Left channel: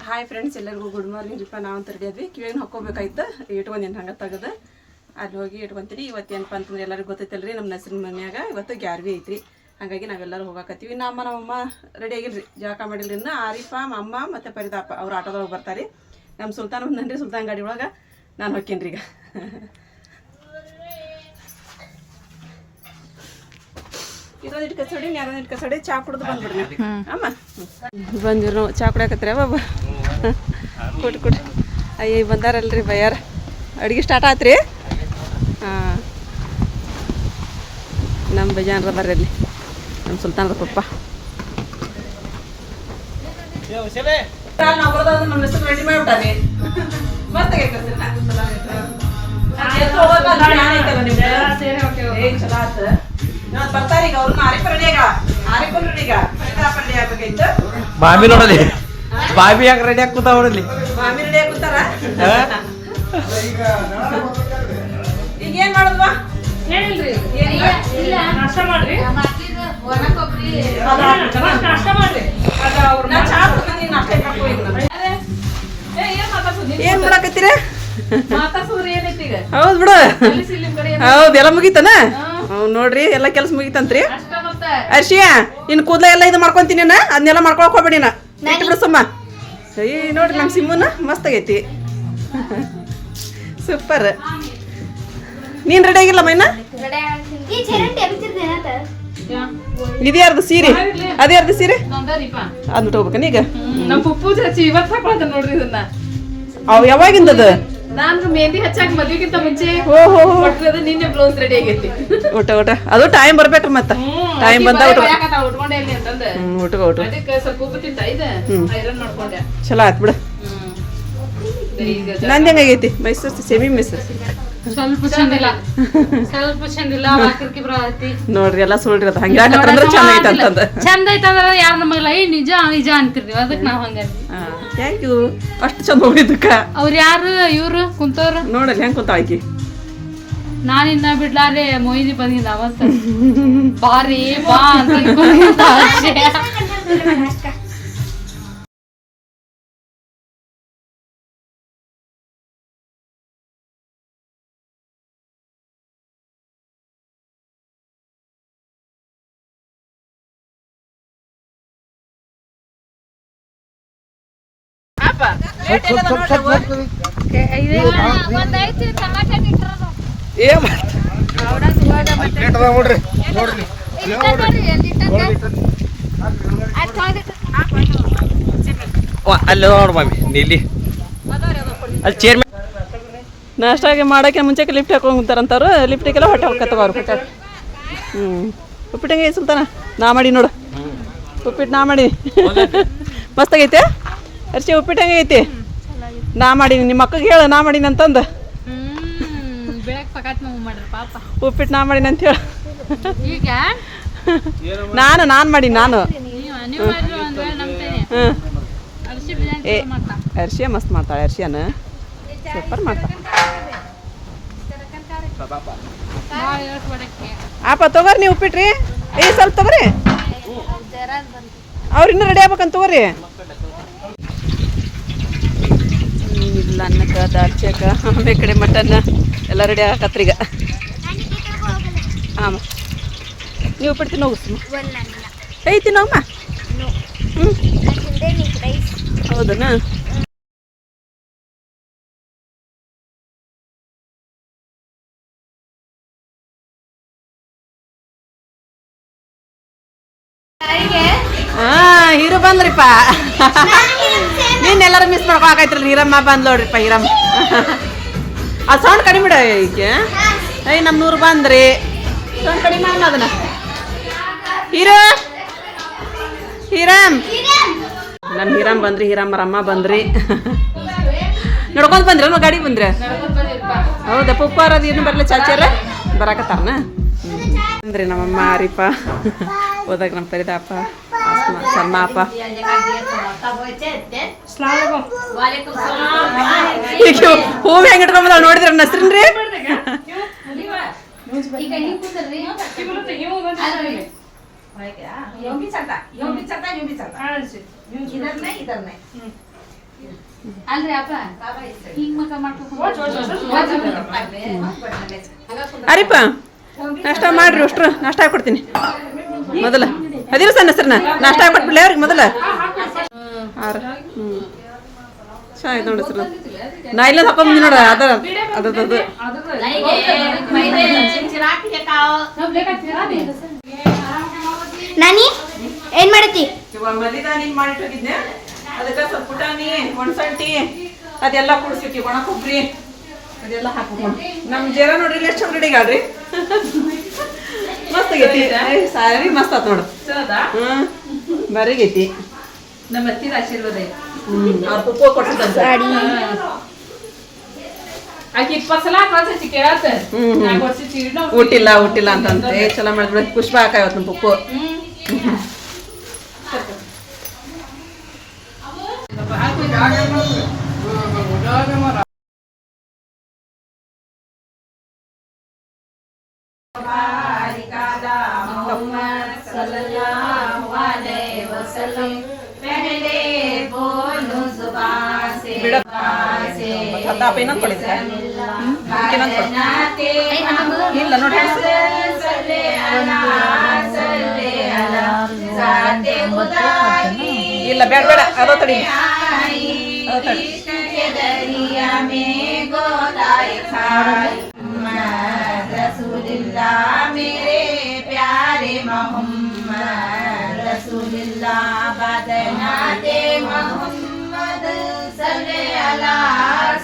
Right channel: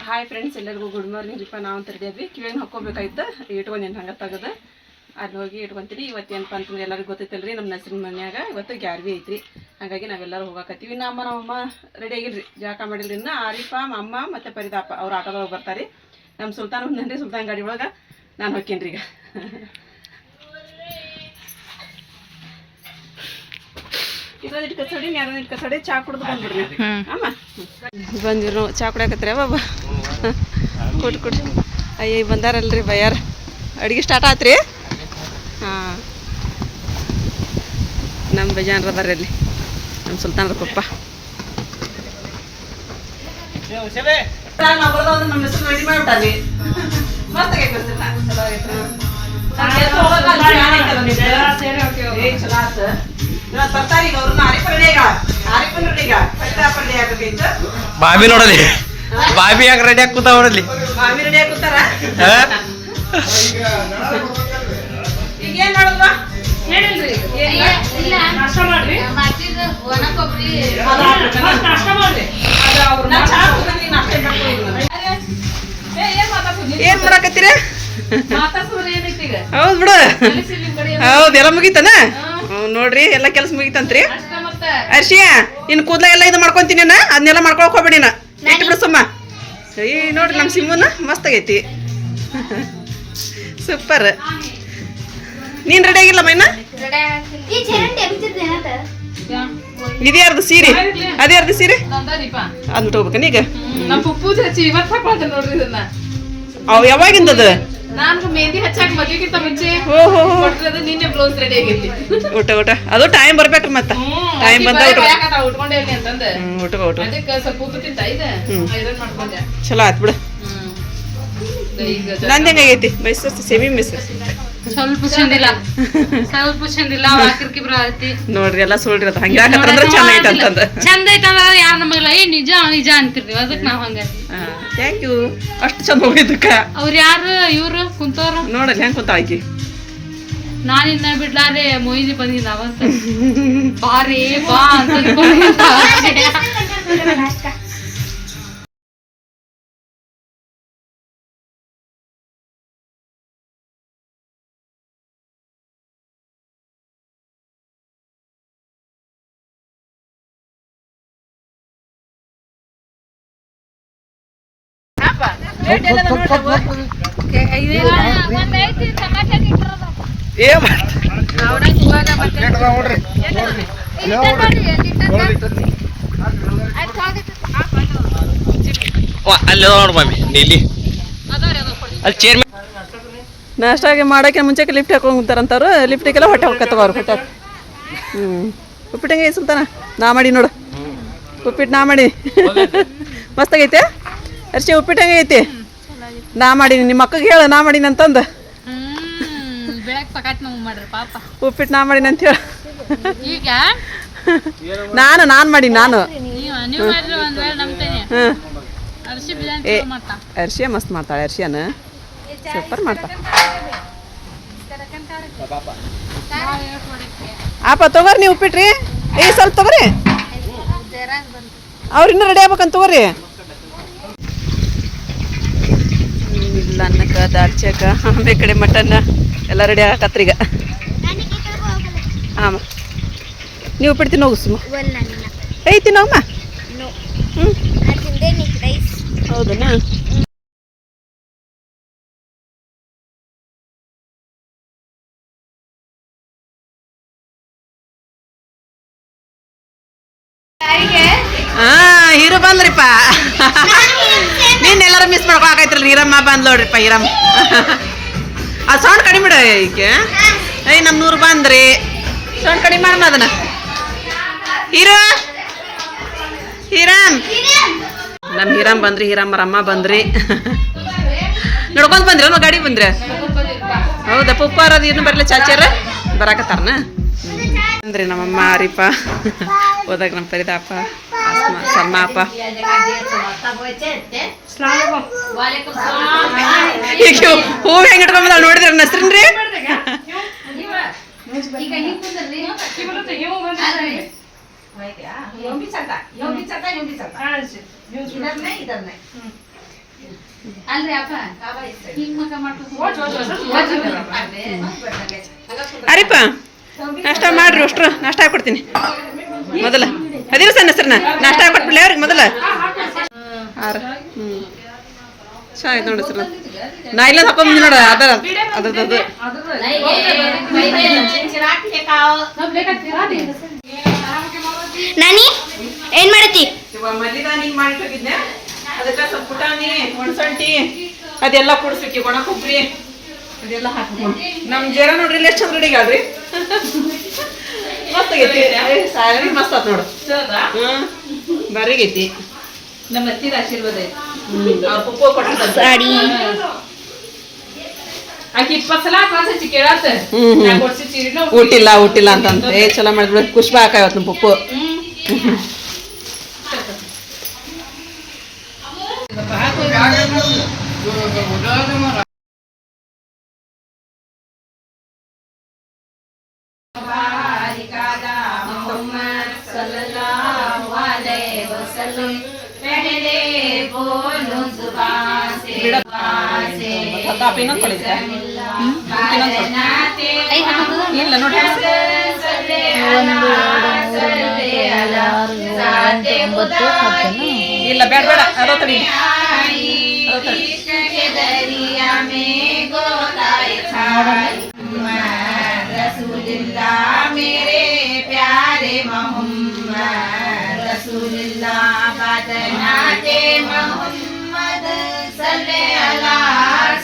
Hi friends ಎಲ್ಲರಿಗೂ good morning ರೀಪ ನಾವು ಅಂತ ಕಿವೇನ್ ಕಿವಿನ ಹಾಕೋಬೇಕಾಯ್ತು ಇಟ್ಕೊಂಡೇನು ಹಂಗೆ ತೆಗೆದು ಅಲ್ಲಿ ಹೋಗಿ ಇಟ್ಕೊಂತೀರಿ ಇವತ್ತು ಏನಪ್ಪ ಅಂತಂದ್ರೆ ಎಲ್ಲರಿಗೂ ಗೊತ್ತೈತಲ್ರಿ ನಮ್ಮ ನಸಿನ ಮನ್ಯಾಗ ಇವತ್ತು ಗ್ಯಾರ್ವಿ ಐತ್ರಿ. ಹಾಗಾಗಿ ನಾವೆಲ್ಲರೂ ಹೋಗಾಕತ್ತೀವಿ. ನಮ್ಮ ನಮ್ಮಮ್ಮ ರೆಡಿ ಆಗಿಲ್ರಿ. ಜಾಕ ಮಾಡಿಲ್ರಿ. ಇನ್ನು ಆರಿಫ, ಅಮ್ಮ ಮತ್ತು ಪರಿತಾಪ ಅವ್ರು ಆಟೋದೊಳಗೆ ಬರ್ತಾರೆ. ನಮ್ಮ ಸುಲ್ತಾನ್ ಬಂದನ್ರಿ ಸುಲ್ತಾನ್ ಗಾಡಿ ಒಳಗೆ. ನಾನು ಹೋಕ್ಕೇನ್ರಿ ಈಗ. ಬಂದಿರು ನಾವು ಚಾ ಕುಡಿಯಾಕತ್ರಿ ಬಾಬಾ ಕೊಟ್ಟು ಕೊಟ್ಟು ಅಯ್ಯ ಬಂದಾರಲ್ರಿ ಬಯ್ಯಾರ. ಅಡುಗೆ ಸ್ಟಾರ್ಟ್ ಆತ್ರಿ? ಹಾಂ. ನಮ್ಮ ಬೇಜಾನ್ರ ಬರ್ರಿ ನಮ್ಮ ಸುಲ್ತಾನ್ರ ಪಪ್ಪ. ಬರ್ತಾರೀಗ ಆಗ್ಬೇಕಿತ್ತು. ಬಾಬಿ ನೋಡಲಿ. ಬಾಬಿ ಯಾಕೆ ರೆಡಿ ಹಾಕುತ್ತ ನೋಡಲಿ. ಬಾಬಿ ರೆಡಿ ಕೂತಾರ? ಈಗ ಏನ್ ಮಾಡಕತ್ತೀರ? ಹೌದ್ ಬಿಡು. ಹೌದ್ ಎಲ್ಲ ಮುಗೀತನ? ನೋಡ್ರಿ ಎಲ್ಲ ಕೆಲಸ ಮುಗಿತಂತ್ರಿ. ಅರ್ಷಿಯ ಇನ್ ಕೂದಲ ಎಲ್ಲ ಇದು ಮಾಡ್ಕೊಂತೀನಿ ನಾ ಅದನ್ನೆಲ್ಲ ಮಾಡ್ಕೊಳಕ್ ಹೋಗ್ಬೇಡಿ ನಾ ಇಟ್ಟು ಬಿಡು ಸುಮ್ಮ. ಈ ನೋಡ್ರಿ ನಮ್ಮ ಸಿಮ್ಮನ ಮಸ್ತ್ ಆಗೈತಿ. ಸೂಪರ್. ನೀನ್ ರೆಡಿ ಆಗಿಲ್ಲ ಮೈನ? ಇದ್ಯಾರ್ದು ಸೀರೆ? ಅದ್ಯಾರ್ದು ಸೀರೆ? ಅಂದ್ಬಿಟ್ಟು ಹೋಗ್ಬೇಕನ ಈಗ? ನಮ್ಮ ಪುಪ್ಪು ಹಚ್ಚಿ ಇವತ್ ಹಾಕೊಳ್ತಾನ ನೋಡ್ರಿ ಇದನ್ನ. ಅವ್ ಯಾವಾಗಿಂದದ? ನಾನು ಮೆಹಂದಿ ಹಚ್ಚಾಕ ಮದ್ವಿಗಿಂತ ಮುಂಚೆ. ಕೊಟ್ಟಿರೋದು ನಿನ್ನೆ ಬ್ಲೌಸ್ ರೆಡಿ ಆಗೈತಿ. ಊಟ ಊಟ. ಅದು ಟೈಮ್ ಬರ್ಬೇಕ್ರಿ ಮತ್ತೆ. ಟೈಮ್ ಬಂದ ಊಟ. ಉಟ್ಕೊಂಡೆ ಇಲ್ಲಿ ಅಂತಂದ. ಊಟ ಊಟ. ಅದಕ್ಕೆ ಸ್ವಲ್ಪ ಉಪ್ಪು ಇದೆ ಐರನ್ ಮಾಡ್ಕೊಂಡೆ. ಚಲೋ ಆಯ್ತು ಬಿಡು. ಈಗ ನಂದ್ ಹೆಂಗಾಗೈತಿ ಮೈಸೂರು ಸೆಮಿ ಮೈಸೂರು ಸ್ವಲ್ಪ ಚಂದಿಲ್ಲ. ಸ್ವಲ್ಪ ಚಂದಿಲ್ಲ ಆಕರ್ಕಿ ಬರತಿ ನೋಡ್ರಿ ಎಲ್ಲ ಸುಳ್ರಿ ಅದು ಹಂಗೆ ಹಾಕತ್ತಂದ್ರೆ ಚಂದ ಐತೆ ಅಂತಂದ. ಚಂದ ಐತಂದ್ರ ಯಾರ ನಮಗಲ್ಲ ಏ ನಿಜ ನಿಜ ಅಂತಿರ್ತೀವಿ. ಅದಕ್ಕೆ ನಾವು ಹಂಗ ಥ್ಯಾಂಕ್ ಯು ಅಷ್ಟು ಚಂದ ಹೋಗಿದ್ದಕ್ಕ. ಅವ್ರ ಯಾರು ಇವ್ರು ಕುಂತವ್ರು? ನೋಡಲ್ಲ ಹೆಂಗ್ ಕುಂತ ಆಕಿ ನಾನು ಇನ್ನ ಬಿಡ್ಲಾರೆ ಮೊಯ್ದಿ ಬಂದಿನ ಅವಂತ ಬಾರಿ ಬಾ ಅಂತ ಅಲ್ಲಿ ನೋಡು ಮಾಮಿ ನೀಲಿ ಅಲ್ಲಿ ಚೇರ್ಮನ್ ನಾಷ್ಟಾಗಿ ಮಾಡಕ್ಕೆ ಮುಂಚೆ ಲಿಫ್ಟ್ ಹಾಕೊಂತಾರಂತವ್ರು ಲಿಫ್ಟಿಗೆಲ್ಲ ಹೊಟ್ಟೆ ಅವ್ರು ಹೊತ್ತ ಹ್ಞೂ ಉಪ್ಪಿಟ್ಟಂಗೆ ಸುಲ್ತಾನ? ನಾ ಮಾಡಿ ನೋಡು. ಉಪ್ಪಿಟ್ಟು ನಾ ಮಾಡಿ. ಮಸ್ತಾಗೈತೆ? ಅರ್ಶಿ ಉಪ್ಪಿಟ್ಟಂಗೆ ಐತಿ ನಾ ಮಾಡೀನಿ ನಿಮ್ಮ ಅಕ್ಕಗೆ ಹೇಳು ನಾ ಮಾಡೀನಿ ಅಂತಂದು. ಉಪ್ಪಿಟ್ಟು ನಾ ಮಾಡೀನಿ ಅಂತ ಹೇಳು. ನಾನು ನಾನು ಮಾಡಿ ನಾನು. ಏ ಅರ್ಶಿಯ ಮಸ್ತ್ ಮಾಡ್ತಾಳೆ ಅರ್ಶಿಯನ ಸೂಪರ್ ಮಾಡ್ತಾಳೆ. ಆಪ ತಗೋರಿ ನೀವು ಉಪ್ಪಿಟ್ರಿ. ಏ ಸ್ವಲ್ಪ ತಗೋರಿ. ಅವ್ರು ಇನ್ನೂ ರೆಡಿ ಆಗ್ಬೇಕಂತ ತಗೋರಿ ಹ್ಮ್, ಇಲ್ಲ ಅನ್ನಕ್ಕೆ ದಾಲ್ಚಕ ಆಮೇಲೆ ಕಡೆ ಮಟನ್ ಎಲ್ಲ ರೆಡಿ ಆಗಕತ್ರೀಗ ಈಗ. ಆಮ. ನೀವು ಬಿಡ್ತೀನಿ ಹೋಗು ಸುಮ್ಮ ಐತಿ ನೋವಮ್ಮ ಹ್ಞೂ ಹೌದನಾ? ಹಾ ಹೀರೋ ಬಂದ್ರಿಪ್ಪ. ನೀನ್ ಎಲ್ಲಾರು ಮಿಸ್ ಮಾಡ್ಕೊಳಕೈತ್ರಲ್ಲ ಹೀರಮ್ಮ ಬಂದ್ ನೋಡ್ರಿಪ್ಪ ಹೀರಮ್ಮ ಆ ಸೌಂಡ್ ಕಡಿಮೆ ಬಿಡ ಈಕೆ. ಐ ನಮ್ಮ ನೂರು ಬಂದ್ರಿ. ಸೌಂಡ್ ಕಡಿಮೆ ಮಾಡೋಣ ಅದನ್ನ. ಹೀರೋ. ಹೀರಾಮ್ ನಮ್ಮ ಹೀರಾಮ್ ಬಂದ್ರಿ ಹೀರಮ್ಮರಮ್ಮ ಬಂದ್ರಿ. ನೋಡ್ಕೊಂಡ್ ಬಂದ್ರಿ ಗಾಡಿ ಬಂದ್ರೆ. ಹೌದಾ ಪುಪ್ಪಾರ ಅದು ಏನು ಬರ್ಲಿ ಚಾಚಾರ ಬರಾಕತ್ತಾರನ? ಅಂದ್ರಿ ನಮ್ಮಮ್ಮ ಅರಿಪ್ಪ ಹೋದಾಗ ನಮ್ಮ ಪರಿದಾಪ. ಈಗ ಹೂವು ಹೆಂಗೆ ಇಟ್ಕೊಂಬಂದ ನೋಡಿದ್ರ ನನ್ನ ಹೆಸ್ರಿನ್ರಿ ಅರಿಪ್ಪ ನಾಷ್ಟ ಮಾಡ್ರಿ ಅಷ್ಟು ನಾಷ್ಟ ಹಾಕೊಡ್ತೀನಿ. ಮೊದಲ. ಅದಿರ ಸಣ್ಣ ಹೆಸರನ್ನ ನಾಷ್ಟ ಹಾಕೊಟ್ಬಿಡ್ಲಿ ಅವ್ರಿಗೆ ಮೊದಲ. ಆರ. ಹ್ಞೂ ಚೆನ್ನಾಗಿ ನೋಡಿ ಸರ್. ನಾ ಇಲ್ಲ ಹಾಕೊಂಬಂದಿ ನೋಡ ಅದ ಅದ ಅದದ್ದು ನಾನಿ? ಏನ್ ಮಾಡತಿ ಅದಕ್ಕೆ ಸ್ವಲ್ಪ ಪುಟಾಣಿ ಒಣಸೊಂಟಿ ಅದೆಲ್ಲ ಕುಡಿಸ್ಬಿಟ್ಟು ಒಣ ಕೊಬ್ಬರಿ. ಅದೆಲ್ಲ ಹಾಕ್ಬೇಕು ನಮ್ಮ ಜೇರ ನೋಡ್ರಿ ಎಷ್ಟು ಚಂದ ಮಸ್ತ್ ಆಗೈತಿ. ಸಾರಿ ಮಸ್ತ್ ಆತ್ ನೋಡು. ಹ್ಮ್ ಬರೀಗೈತಿ ನಮ್ಮ ಹತ್ತಿರ ಆಶೀರ್ವಾದ ಐತಿ. ಅವ್ರ ಪುಪ್ಪು ಕೊಟ್ಟಿದ್ದಂತೆ ಸಾಡಿ ಆಕಿ ಇಪ್ಪತ್ತು ಸಲ ಕಳ್ಸಿ ಕೇಳಾತ. ಹ್ಮ್, ಹ್ಮ್. ನಾಲ್ಕು ವರ್ಷ ಊಟಿಲ್ಲ ಊಟಿಲ್ಲ ಅಂತಂತ. ಚಲೋ ಮಾಡಿದ್ರು ಪುಷ್ಪ ಹಾಕಾವತ್ ನಮ್ಮ ಪುಪ್ಪು. ತಾಪ ಇನ್ನೊಂದು ಕೊಡಿದ್ರೆ ಇಲ್ಲ ನೋಡಿ. ಇಲ್ಲ ಬೇಡ ಬೇಡ. ಅದೋ ತಡಿ. सल्ले अला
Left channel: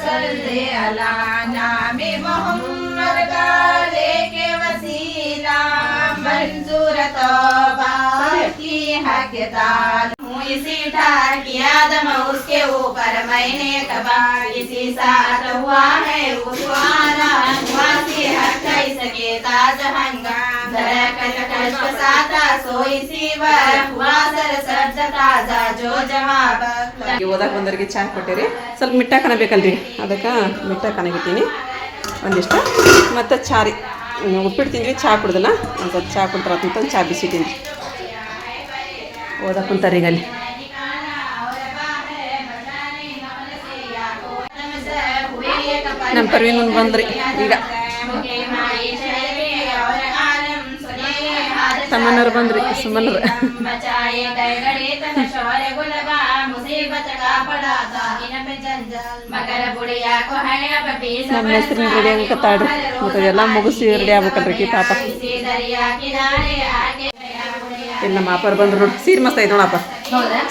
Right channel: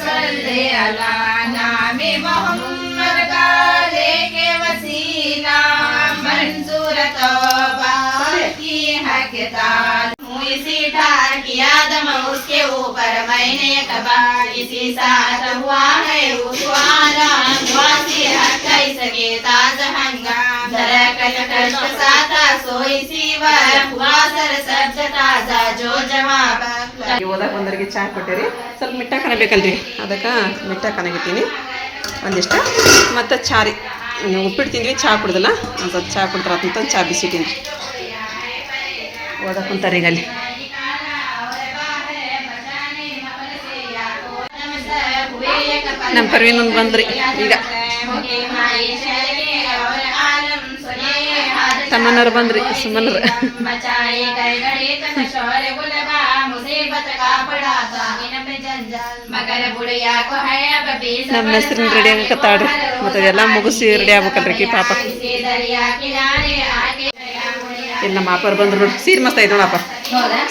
सल्ले अला नाम मोहम्मद का लेके वसीला मंसूर तौबा। ಅದೋ ತಡಿ उसके ऊपर मैंने कबा इसी साथ हुआ है उस्वाना हुआ हर कई सके ताज हंगा जरा कल कष्ट साता सोई सीवर हुआ सर सर्द ताजा जो जवाब ಓದಕ್ಕೆ ಬಂದವರಿಗೆ ಚಹಾ ಕೊಟ್ಟಿರಿ ಸ್ವಲ್ಪ ಮಿಟ್ಟಾಕನ ಬೇಕಲ್ರಿ ಅದಕ್ಕೆ ಮಿಟ್ಟಾಕನಾಗಿದ್ದೀನಿ ಒಂದಿಷ್ಟು ಮತ್ತು ಚಾ ರೀ ಹ್ಮ್, ಉಪ್ಪಿಟ್ಟು ತಿಂದ್ವಿ ಚಹಾ ಕುಡ್ದಲ್ಲ ಒಂದು ಸ್ವಲ್ಪ ಚಹಾ ಕುಡ್ತಾರ ಅಂತ ಚಹಾ ಬಿಸಿಟ್ಟಿನಿ ಓದ ಕುಂತಾರೀಗಲ್ಲಿ ನಮ್ಮ ಪರ್ವಿನ ಬಂದ್ರಿ ಈಗ. ತಮ್ಮನವ್ರು ಬಂದ್ರಿ ಸುಮನರು. ನಮ್ಮ ಹೆಸ್ರಿನ ರೆಡಿ ಆಗತ್ತಾಳ್ರಿ ಮತ್ತೆ ಎಲ್ಲ ಮುಗಿಸಿ ರೆಡಿ ಆಗ್ಬೇಕಲ್ರಿ ಪಾಪ. ಇಲ್ಲಿ ನಮ್ಮ ಅಪ್ಪರ್ ಬಂದ್ರು ನೋಡಿ ಸೀರೆ ಮಸ್ತ್ ಐತೆ ನೋಡಪ್ಪ.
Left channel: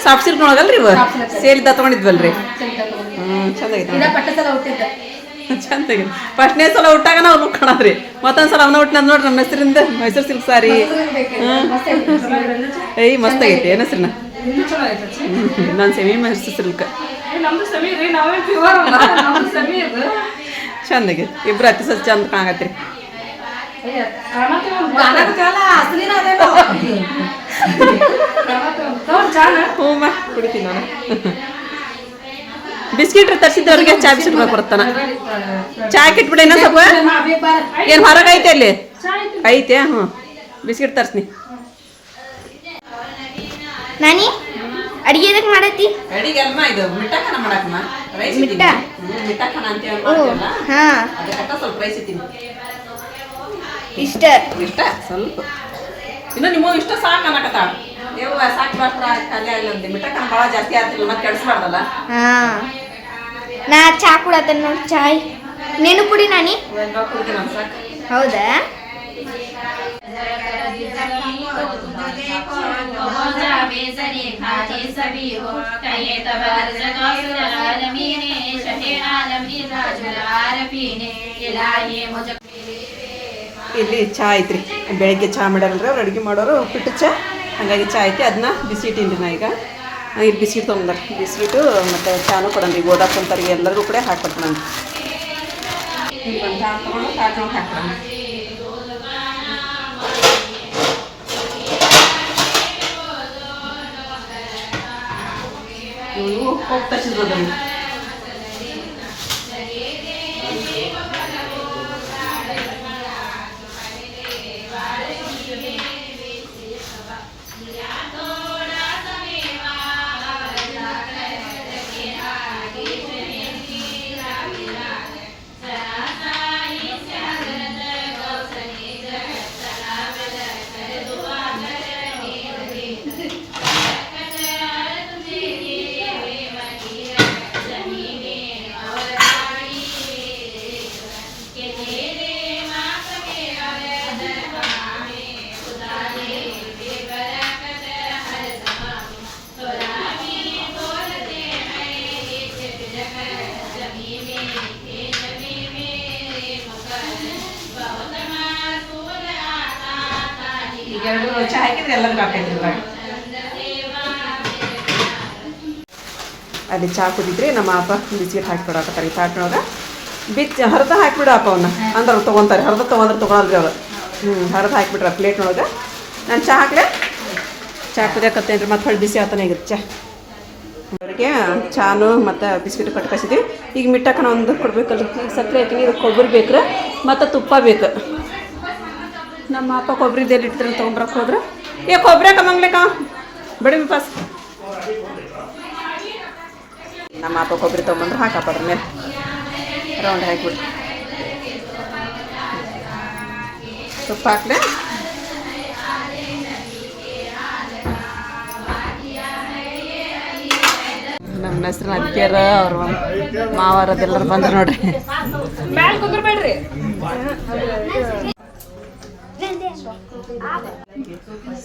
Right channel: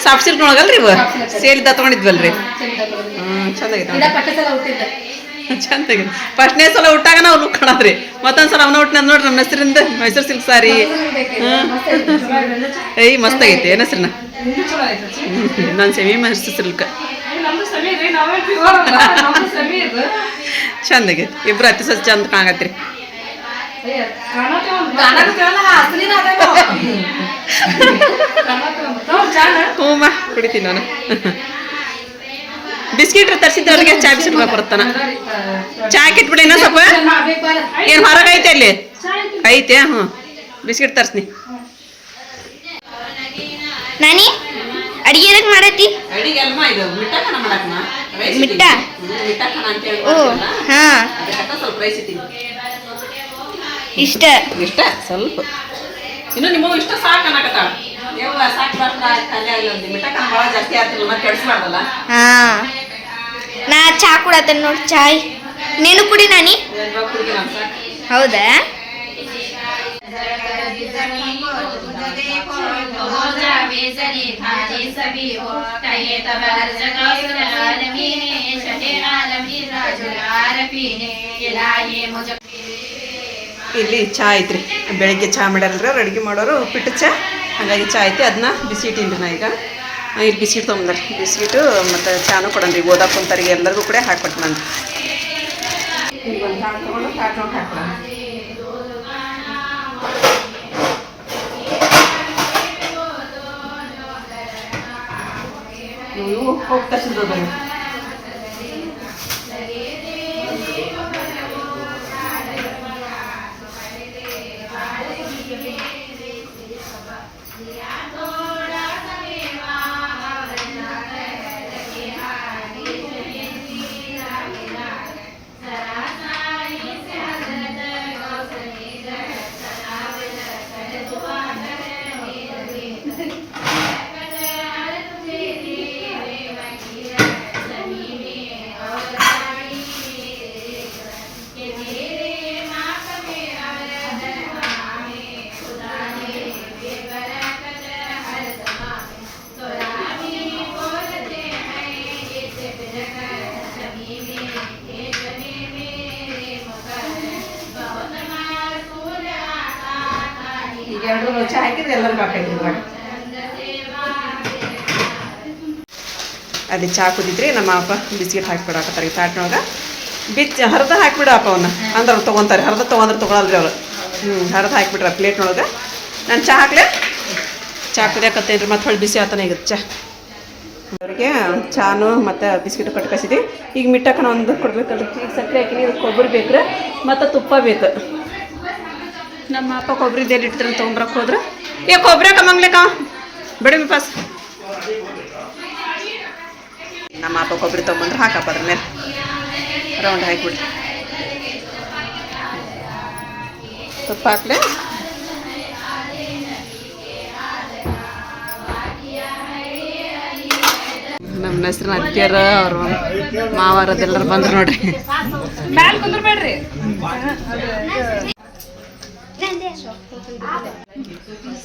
ಸಾಫ್ಟ್ ಸಿಲ್ಕ್ ನೋಡಲ್ರಿ ಇವ? ಸೇರಿದ್ದ ತೊಗೊಂಡಿದ್ವಲ್ರಿ? ಹ್ಞೂ ಚಂದಾಗೈತೆ ನೋಡಿ ಫಸ್ಟ್ನೇ ಸಲ ಹುಟ್ಟಾಗ ನಾವು ಲುಕ್ ಕಾಣದ್ರಿ. ಮತ್ತೊಂದು ಸಲ ಅವನ ಹುಟ್ಟಿನ ನೋಡ್ರಿ ನಮ್ಮ ಹೆಸರಿಂದ ಮೈಸೂರು ಸಿಲ್ಕ್ ಸಾರಿ. ಏಯ್ ಮಸ್ತ್ ಆಗೈತೆ. ಏನು ಹೆಸ್ರನ್ನ? ನಾನು ಸೆಮಿ ಮೈಸೂರು ಸಿಲ್ಕ್. ಚಂದ ಚಂದಾಗೈತೆ ಇಬ್ರು ಅತಿ ಸಸ್ ಚಂದ ಕಾಣಕತ್ರಿ ಕುಡಿತೀನಿ ನಾನು. ಬಿಸ್ಕಿಟ್ ತರಿಸಿದ್ದವ್ರಿಗೆ ಚಾ ಬಿಸ್ಕಿಟ್ ಬರ್ತಾನ ಚಾ ಕಿಟ್ಬಿಡಿ ಇನ್ನೂ ಸ್ವಲ್ಪ. ಏನು ಹೊರಗೈತೆ ಐತೆ ಅಲ್ಲಿ? ಐತೆ ಹ್ಞೂ. ಬಿಸ್ಕಿಟ್ ತರ್ಸ್ನಿ. ನಾನಿ? ಅಡಿಗೆ ಎದಕ್ ಮಾಡತಿ ಅಡಿಗೆ ಅಲ್ಮ ಇದು ಮಿಟ್ಟಕನ ಮಾಡಕ್ನ ರೈಸ್ ಮಿಟ್ಟ? ಮಿಟ್ಟಕನ ಅಂತ ಹೇಳಿ ಓ ಹಾ. ಅದಕ್ಕೆ ಸ್ವಲ್ಪ ರೈಸ್ ಇದ್ದೀನಿ ಇಷ್ಟ. ಇಷ್ಟ ಸ್ವಲ್ಪ. ಇನ್ನು ನಿಮಗೂ ಇಷ್ಟ ಸಾಕು ಅನ್ನಕತ್ತ? ಯವ್ವ ಸಾಕು ಬಾರ್ದ ಇಲ್ಲ ಭಾಳ ಜಾಸ್ತಿ ಆಗ್ತಿಲ್ಲ ಮತ್ತೆ ಕೆಡಿಸ್ಬಾರ್ದಲ್ಲ? ಹಾ. ನಾ ಚಾ ಕುಡತೇನೆ ನೋಡಿ ಚಾಯ್. ನೀನು ಕುಡಿ ನಾನಿ. ಕುಡಿಗೆ ಹೌದಾ? ಇಲ್ಲಿ ಚಹಾ ಐತ್ರಿ. ಬೆಳಗ್ಗೆ ಚಹಾ ಮಾಡ್ಯಾರಲ್ರಿ ಅವ್ರು, ಅಡುಗೆ ಮಾಡೋರು, ಉಪ್ಪಿಟ್ಟು ಚಹಾ ಹಾಗಾಗಿ ಚಾ ಐತಿ. ಅದನ್ನ ಬಿಸಿ ಇಟ್ಟೀನಿ ನಾ ಈಗ. ಇಲ್ಲಿ ಬಿಸಿಟ್ ತೊಗೊಂಡ್ರಿ ಬಿಸ್ಕಿಟು ಮತ್ತು ಚಾನು ಕೊಡನ್ರಿ ಓದಾ ಕುಂತಾರಿಗೆ ಎಲ್ಲರಿಗೂ ಕೂಡ ಹಾಕ್ಕೊಟ್ಬಿಡನ್ರಿ ಇಲ್ಲಿ ಹೋಗ್ತಾ ಸಿದ್ದೋದು ಅಲ್ಲಿ ಚಹಾ ಕುದಿದ್ರಿ ನಮ್ಮ ಅಪ್ಪ ಬಿಸ್ಕಿಟ್ ಈ ತಾಟ್ನೊಳಗೆ ಬಿಚ್ಚ ಹರಿದ ಹಾಕಿಬಿಡಪ್ಪ ಅವನ್ನ ಅಂದ್ರೆ ಅವ್ರು ತೊಗೊಂತಾರೆ. ಹರಿದ ತೊಗೊಂಡ್ರೆ ತೊಗೊಳಲ್ರಿ ಅವ್ರು. ಹ್ಞೂ ಹರಿದ ಹಾಕಿಬಿಟ್ರ ಪ್ಲೇಟ್ನೊಳಗೆ ನಾನು ಚಹಾ ಹಾಕ್ಲೆ? ಚಹಾ ಕುದಿಯಾಕತ್ತೇನ್ರಿ ಮತ್ತೆ ಹೊಳ್ಳಿ ಬಿಸಿ ಆತನ ಈಗ. ಚಹಾ ಅವರಿಗೆ ಚಾನು ಮತ್ತು ಬಿಸ್ಕಿಟ್ ಕಟ್ ಕಸಿದ್ವಿ ಈಗ ಮಿಟ್ಟಕ್ಕ ನಾವು ಒಂದು ಕೊಡ್ಬೇಕಲ್ರಿ. ಈಗ ಸಕ್ಕರೆ ಹಾಕಿನಿ ಇದು ಕೊಬ್ಬರಿ ಬೇಕ್ರಿ, ಮತ್ತು ತುಪ್ಪ ಬೇಕು. ನಮ್ಮ ಅಪ್ಪ ಕೊಬ್ಬರಿ ಇಡ್ತಾರೆ ತೊಗೊಂಬರಕ್ಕೆ ಹೋದ್ರೆ ಏ ಕೊಬ್ಬರಿ बड़े में ಪಾಸ್ ನಮ್ಮ ಅಪ್ಪ ಕೊಬ್ಬರಿ ತೊಗೊಂಬಂದ್ರೆ ಹಾಕಪ್ಪ ಅದ್ರ ಮೇಲೆ ರೌಂಡ್ ಹಾಕಿಬಿಡಿ ತುಪ್ಪ ಹಾಕ್ಲೆ ನಮ್ಮ ಹೆಸ್ರಿನ ಅತ್ತಿಯರ ಅವ್ರ ಮಾವಾರದೆಲ್ಲರೂ ಬಂದ್ರು ನೋಡ್ರಿ ಕುಂದ್ರಬೇಡ್ರಿ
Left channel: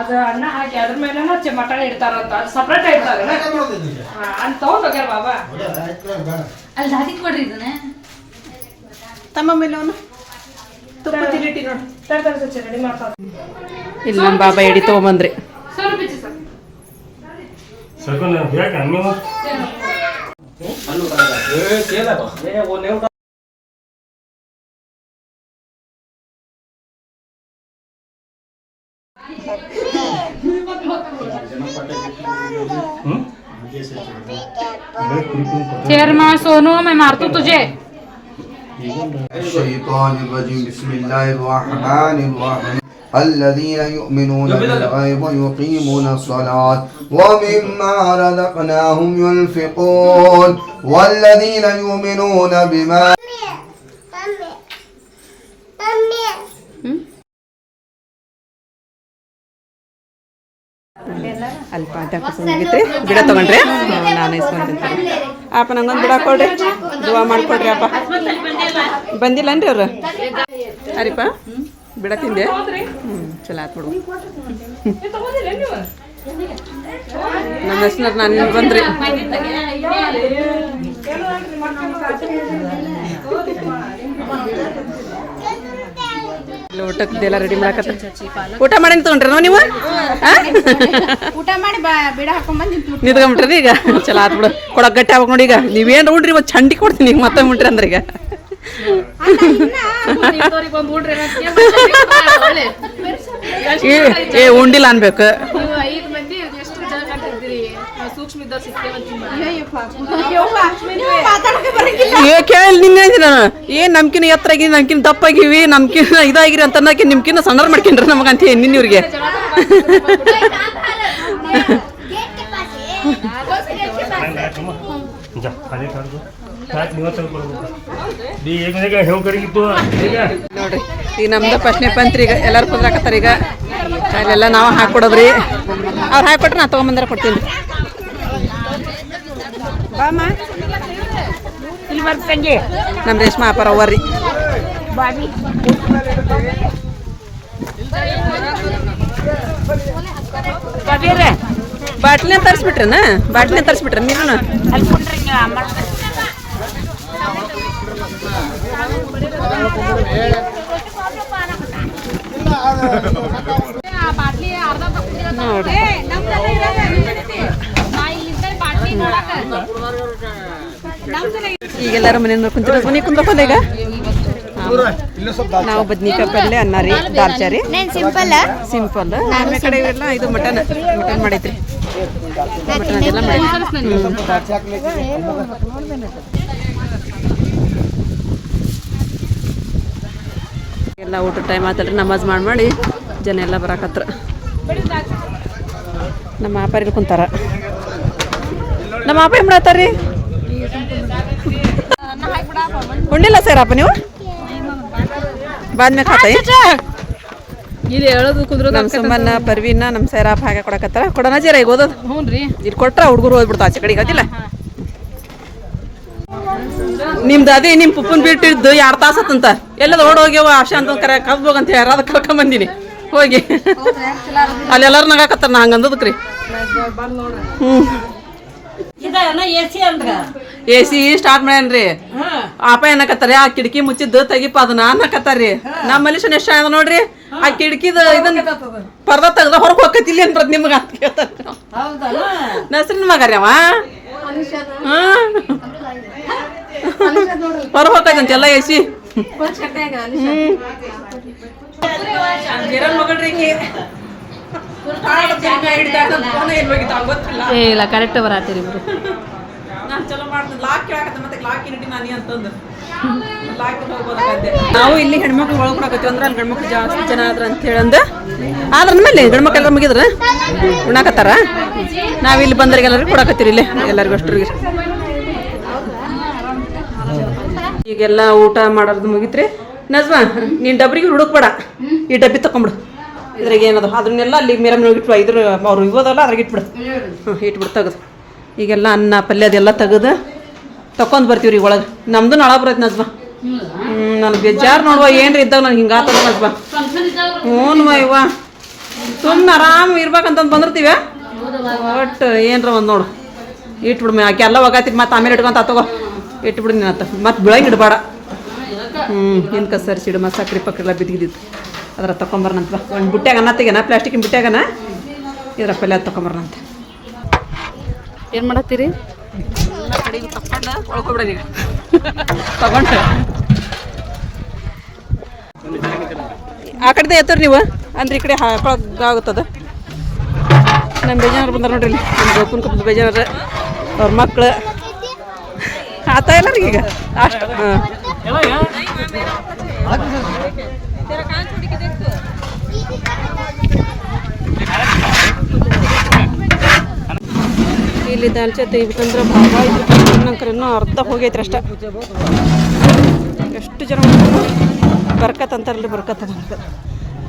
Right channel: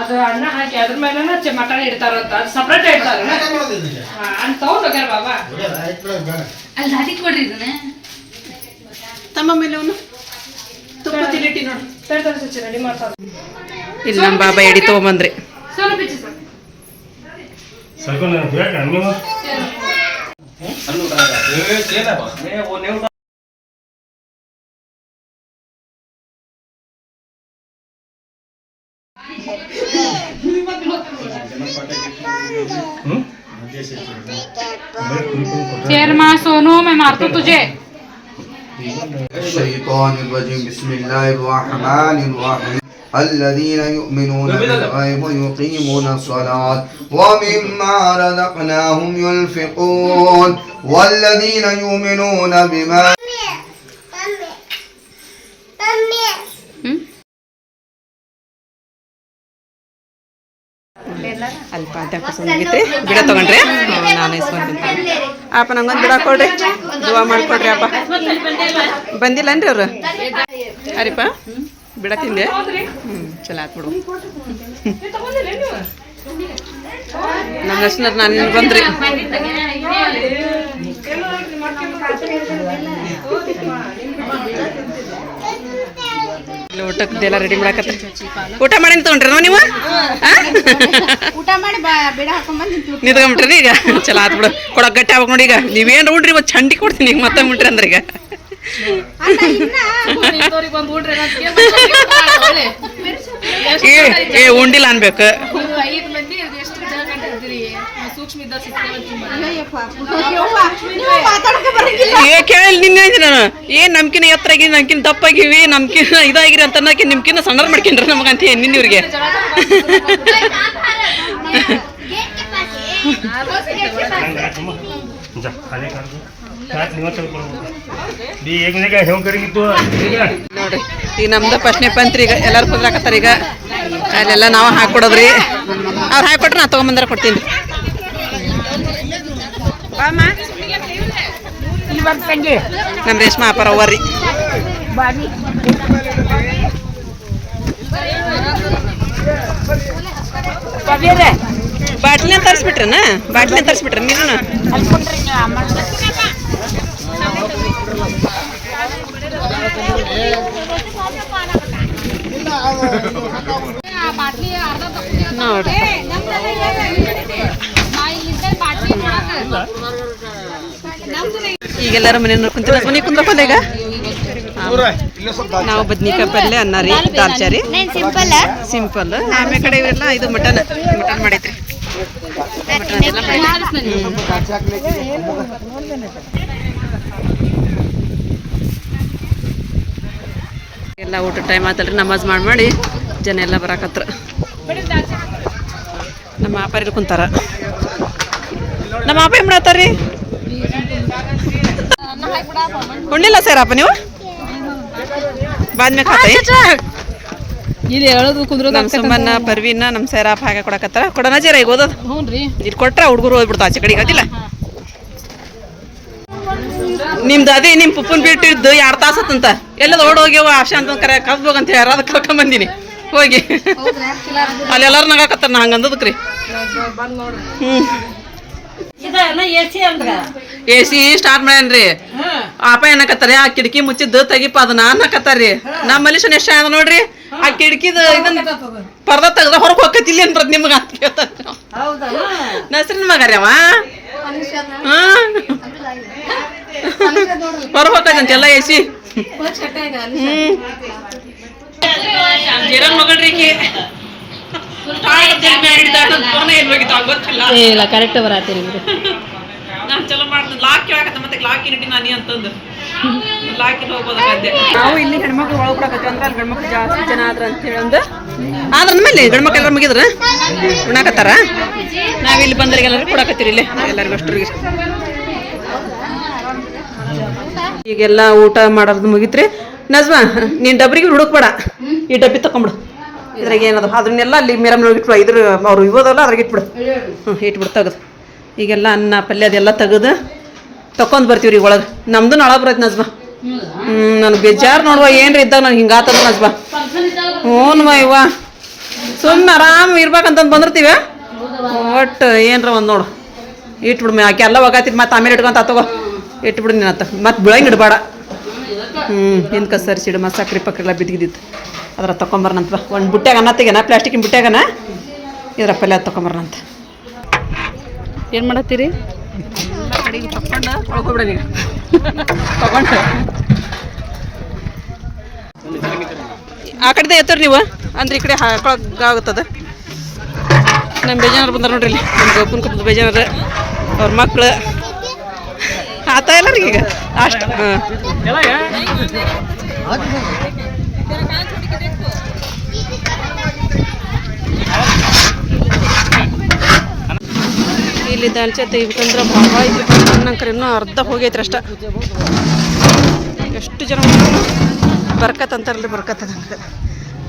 ಅದು ಅಣ್ಣ ಹಾಕಿ ಅದ್ರ ಮೇಲೆ ಮಟನ್ ಇಡ್ತಾರಂತ ಅದು ಸಪ್ರೇಟ್ ಇಡ್ತಾರೆ. ಅಂತ ತಗೊಂಡ್ ಹೋಗ್ಯಾರ ಬಾಬಾ. ಅಲ್ಲಿ ಹಾಕಿ ಕೊಡ್ರಿ ಇದನ್ನ. ತಮ್ಮ ಮೇಲೆ ಅವನು? ತುಪ್ಪ ತಿಲಿಟಿ ನೋಡಿ. ತರ್ತಾರೆ ಸಚ್ಚಿ ರೆಡಿ ಮಾಡ್ತಾರೆ ಇಲ್ಲಿ ನಮ್ಮ ಬಾಬಾ ಎಡಿ ತಗೊಂಬಂದ್ರಿ ಸ್ವಲ್ಪ ಬಿಚ್ಚಿ ಸರ್. शेर माँ सोनो मैं मार तो तुझे الشيطان الرجيم بسم الله الرحمن الرحيم الذين يؤمنون بالغيب ويقيمون الصلاة ومما رزقناهم ينفقون والذين يؤمنون بما ಅಲ್ಲಿ ಪಾಠ ಕುಸ್ಕೊಂಡ್ಬಿತ್ರಿ ಗಿಡ ತಗೊಂಡ್ರೆ ನಾನು ಇಸ್ಕೊಂಡಿರ್ತೀನಿ ಅಪ್ಪ, ನಂಗೊಂದು ಗಿಡ ಕೊಡ್ರಿ. ದುವಾ ಮಾಡ್ಕೊಡ್ರಿ, ಅಪ್ಪ. ಬಂದಿಲ್ಲನ್ರಿ ಅವರು? ಅರಿಪ್ಪ ಬಿಡ ತಿಂದೆ. ಹ್ಞೂ ಚಲೋ ಆತ್ ಬಿಡು. ನಮ್ಮ ಹೆಸ್ನರ್ ನಾನು ಬಂದ್ರಿ. ಇಲ್ಲಿ ಊಟಕ್ಕೆಲ್ಲ ರೆಡಿ ಮಾಡಕತ್ತೆ ಊಟ ಮಾಡಿ ತಗೊಂಡ್ರಿ ನೀವು ಊಟ ಮಾಡಿ ಬಿಡ ಹಾಕೊಂಡ್ಬಂದು ನಿಂತ್ಕೊಂಬಿಟ್ರಿ ಈಗ? ಚಲ ಆತ್ ಬಿಡು. ಕೊಡಕ್ ಗಟ್ಟಿ ಆಗ್ಬೇಕು ನೋಡಿ ಈಗ. ನೀವೇನು ಉಡ್ರಿ ಇವತ್ತು ಚಂಡಿ ಕೊಡ್ತೀನಿ ಈಗ ಮತ್ತೆ ಉಂಟ್ರಿ ಅಂದ್ರೆ ಈಗ. ಏ ಏ ಉಂಡಿಲ್ಲ ಅನ್ಬೇಕು. ಏ ಕೇಳಿ ನಿನ್ನೆ ಅಂದಿ ನಾನು. ಏನ್ ನಮ್ಕಿನ ಎತ್ತರ ಆಗಿವಿ ನಮ್ಕಿನ ದಪ್ಪ ಆಗಿವಿ ನಮ್ಕಿನ ಇದಾಗಿರಿ ಅಂತ ನಿಮ್ಕಿನ್ನ ನಿಮ್ಕಿನ ಸಣ್ಣ ಮಾಡ್ಕೊಂಡ್ರಿ ನಮಗಂತ ನಿನ್ನ ಇವ್ರಿಗೆ. ನೋಡ್ರಿ ಈಗ ನಮ್ದು ಪ್ರಶ್ನೆ ಪಂತ್ರಿ ಈಗ ಎಲ್ಲರೂ ಕುದ್ರಾಕತ್ತಾರ ಈಗ. ಅಲ್ಲೆಲ್ಲ ನಾವು ಹಾಕೊಡೋದ್ರಿ. ಅವ್ರು ಹಾಕೊಟ್ರೆ ನಾ ತೊಗೊಂಬಂದ್ರೆ ಕೊಡ್ತೀನಿ. ನಮ್ಮ ರೇಷ್ಮಾ ಅಪ್ಪಾರ ಬಾಬಿ ಬಾಟ್ಲಿನ ತರಿಸ್ಬಿಟ್ರನ? ಬಾಟ್ಲಿನ ತರಿಸ್ಬಿಟ್ರ ನೀರು ನೋಡ್ರಿ ಈಗೆಲ್ಲರೂ ಮನೆ ಕುಂತಿರ ಮನೆ ಕುಂದ್ರಪ್ಪಲ್ಲ ಈಗ? ನಾವು ಬದ್ನಿಕಾಯಿ ಪಲ್ಯ ಅನ್ನ ರೀ ದಾಲ್ಚಾರಿ ಸಿಂಪಲ್ ಆಮೇಲೆ ಕಡೆ ಇವೆಲ್ಲ ಇದು ಮಟನ್ ಮಟನ್ ಮಾಡೈತ್ರಿ ಮಟನ್ ಎಲ್ಲ ಎಲ್ಲ ಊಟ ಟೈಮ್ ಆತಲ್ರಿ, ನಮಾಜ್ ಮಾಡಿ ಮಾಡಿ ಜನ ಎಲ್ಲ ಬರಾಕತ್ರ. ನಮ್ಮ ವ್ಯಾಪಾರಿ ಕುಂತಾರ. ನಮ್ಮ ಅಪ್ಪ ಏನ್ ಮಾಡತ್ತಾರ್ರಿ ಉಣ್ಣಿಲ್ಲ ಅಪ್ಪ ನೀವು? ಬಾದ್ಮ್ಯಾಗ ಖಾತ ಇಲ್ಲಿ ಹೇಳೋದು ಕುಂದ್ರ ನಮ್ಮ ಸುಮ್ಮನ್ನ ಪರ್ವಿನ ನಮ್ಮ ಸೈರಾಪ್ ಹಾಗೆ ಕೊಡಕತ್ತಾರ. ಕೊಡೋಣ ಜೀರ ಈಗ ಓದೋದು. ಹ್ಞೂ ರೀ. ಇಲ್ಲಿ ಕೊಟ್ರ ಹುಡುಗರು ಹೋಗ್ಬಿಡ್ತಾವ ಆಚೆ ಕಡೆಗೆ ಅದಿಲ್ಲ ನಿಮ್ದು ಅದೇ ನಿಮ್ಮ ಪುಪ್ಪನ್ ಬಿಟ್ಟಿದ್ದು ಎರಡು ತಾಸತ್ತಂತ ಎಲ್ಲದ ಓಡ್ ಹೋಗ್ಯವ ಆಶಾ ಅಂತ ಕರೆ ಕಬ್ಬು ಅಂತ ಹೇಳಿ ಅದಕ್ಕೆ ಕರ್ಕೊಂಡ್ ಬಂದಿನಿ. ಹೋಗಿ. ಅಲ್ಲಿ ಎಲ್ಲಾರು ನಗಾಕತ್ತಾರ ನಾ ಹಂಗೆ ಅಂದದಕ್ಕೆ ರೀ. ಹ್ಞೂ ಎ ಸಿ ಸ್ಟಾರ್ಟ್ ಮಾಡ್ಯಾನ್ರಿ. ಅಪ್ಪ ಏನಕತ್ತಾರ? ಆ ಕಿಟಕಿ ಮುಚ್ಚಿದ್ದು ತೆಗಿಪ ಅದನ್ನ ಅನ್ನಕತ್ತಾರ್ರಿ. ನಮ್ಮ ಮನುಷ್ಯನ ಎಷ್ಟ ಅದ ನೋಡ್ರಿ? ಆ ಕಿಟಕಿದ ಇದನ್ನ ಪರ್ದ ತೆಗ್ದ ಹೊರಗೆ ಹೋಗತ್ತಿಲ್ಲ ಏನ್ರ ನಿಮ್ಗೆ ಅಂತ ಕೇಳ್ತಾರ ನಸ್ರಿನ ಮಗಾರಿ ಅವ? ಹೊರ ಹೋಗತ್ತಂತ ಎಲ್ಲ ಎ ಸಿ ಕಿರಣ್ ಮಗಳ್ರಿ ಇಲ್ಲ ಕರೆಕ್ಟ್ ನಾನು ಚಲೋ ಲಾಕ್ ಮತ್ತೆ ಲಾಕ್ ನಾನಿ ಅಂತಂದು. ಹೋಗ್ಬೋದಾಗತ್ತೆ ನಾವು ಇಲ್ಲಿ ಹೆಣ್ಮಕ್ಳು ಒಳಗೆ ಕೊಡಕತ್ತೀವಿ ಅಂದ್ರೆ ಅಲ್ಲಿ ಗಂಡ್ಮಕ್ಳು ಜಾಸ್ತಿ ಜನ ಆದ್ರ ಅಂತ ಹೇಳಂದು. ಆದ್ರ ಮೇಲೆ ಗಂಡ್ಮಕ್ಳು ಎಲ್ಲ ಮುಗಿದ್ರ? ಉಣ್ಣಾಕತ್ತಾರ? ನಾವು ಇಲ್ಲಿ ಬಂದ್ರಿಗೆ ಎಲ್ಲರೂ ಕೊಡಕತ್ತೀರಿ ಇಲ್ಲಿ. ಎಲ್ಲರಿಗೂ ಅಷ್ಟರಿಗೆ ಈಗೆಲ್ಲ ಊಟ ಮಾಡೋದು ಮುಗಿತ್ರಿ. ನಜ್ಮಾ ನೀನು ಡಬ್ರಿಗೆ ಹುಡುಕ್ಬೇಡ ಈ ಡಬ್ಬಿ ತಕೊಂಬಿಡು. ಇದ್ರಾಗ ಏನದ? ಅದನ್ನೆಲ್ಲ ಅಲ್ಲಿ ಮಿರಮ್ನೊಳಗೆ ಇಟ್ಬಿಡು, ಇದ್ರ ಅವ್ರು ಇವದಲ್ಲ ಅದ್ರಾಗ ಇಟ್ಬಿಡು. ಹ್ಞೂ ಇಟ್ಬಿಡು ತೆಗೆದು ಈಗೆಲ್ಲ ಅನ್ನ, ಪಲ್ಯ ಅದೆಲ್ಲ ತೆಗೆದು ತಕೊಂಡ್ ಬರ್ತೀವಿ ರೀ ಒಳಗೆ. ನಮ್ದು ನಳ ಬರೈತೆ ನಜ್ಮ. ಹ್ಞೂ ನನಗೆ ಬೇಜಾರು ನೋಡುವ, ಏನ್ರಿ ಇದ್ದಾಗ ನನಗೆ ಹಿಂಗೆ ಆತದ ನಜ್ಮಾ. ಹ್ಞೂ ಇವ್ವ. ಸುಮ್ಮನೆ ಆರಾಮ್ ಇರ್ಬೇಕಂತಂದು ಬಂದಿರ್ತೀವ? ಒಟ್ಟು ಏನ್ರ ಒಂದು ನೋಡು. ಇಟ್ಬಿಡು ಮೇ, ಆಕೆ ಎಲ್ಲ ಒಗಾತಿದ್ ಮತ್ತೆ ಆಮೇಲೆ ಇಟ್ಕೊಂತ ತಗೋ. ಇಟ್ಬಿಡು ನೀನು ಆತ ಮತ್ತೆ ಬೆಳಗ್ಗೆ ಇಡಬೇಡ. ಹ್ಞೂ ಹಿಂದ್ಕ ಸರಿಸಿಡು, ಮತ್ತೆ ಸಕ್ರೆ ಪಕ್ರೆ ಎಲ್ಲ ಬಿದ್ದಿದ್ದು ಅದ್ರ ತಗೊಂಬರ್ನಂತ ಒಂದು ಬುಟ್ಟ್ಯಾಗ ಅನ್ನ ತೆಗೆನ ಪ್ಲಾಸ್ಟಿಕ್ಕಿನ ಬುಟ್ಟ್ಯಾಗನ ಇದ್ರ ಪಲ್ಯ ತಗೊಂಬರ್ನಂತ ಏನು ಮಾಡತ್ತೀರಿ? ಎಲ್ಲ ತಗೊಂಡು ಆ ಕಡೆದೇ ಎತ್ತರಿ ನೀವು? ಅಂದ್ರೆ ಈ ಕಡೆ ಹಾಕೊಳಗಾಗುತ್ತದ ನಮ್ಮ ಬೇಜಾರು ಬಂದಾರ ನೋಡ್ರಿ ಇಲ್ಲಿ. ನಮ್ಮ ಗೋಪನ್ ಕುಪ್ಪದ ಬೇಜಾರ ಅವ್ರ ಮಕ್ಕಳು ಆತ ಇಲ್ಲ ಈಗ ಅಷ್ಟು. ಹಾಂ. ಇಲ್ಲಿ ದಾಲ್ಚೆ ತೆಗಿಬೇಕಂದ್ರೆ ಐತ್ರಿ ನಂಕರ ಇನ್ನೂ ಅರ್ಧ ಹೋಗೈತ್ರಿ ಅಷ್ಟ. ಎಷ್ಟು ಜನ ಬರ್ಕತ್ ಅಂತಾರಲ್ರಿ ಬರ್ಕತ್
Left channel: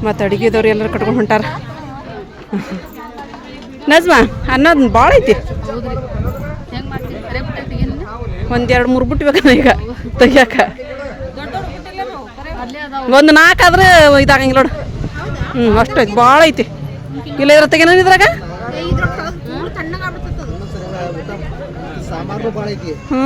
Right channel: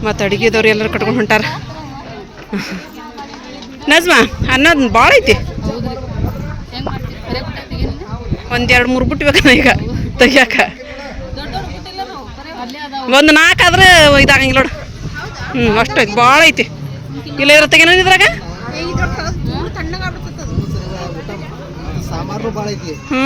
ಮತ್ತು ಅಡುಗೆದವ್ರು ಎಲ್ಲರೂ ಕಟ್ಕೊಂಡು ಹೊಂಟಾರ. ನಜ್ಮಾ, ಅನ್ನೋದು ಭಾಳ ಐತಿ. ಒಂದು ಎರಡು ಮೂರು ಬಿಟ್ಬೇಕನ್ನ ಈಗ, ತೆಗಿಯಾಕ. ಒಂದು ನಾಲ್ಕು ಆದ್ರೆ ಇದಾಗಂಗಿಲ್ಲ ನೋಡು. ಹ್ಞೂ ಅಷ್ಟು ಐತಿ. ಭಾಳ ಐತಿ. ಇಲ್ಲ ಇದ್ರ ತೆಗಿನ ಇದ್ರಾಗ? ಹ್ಞೂ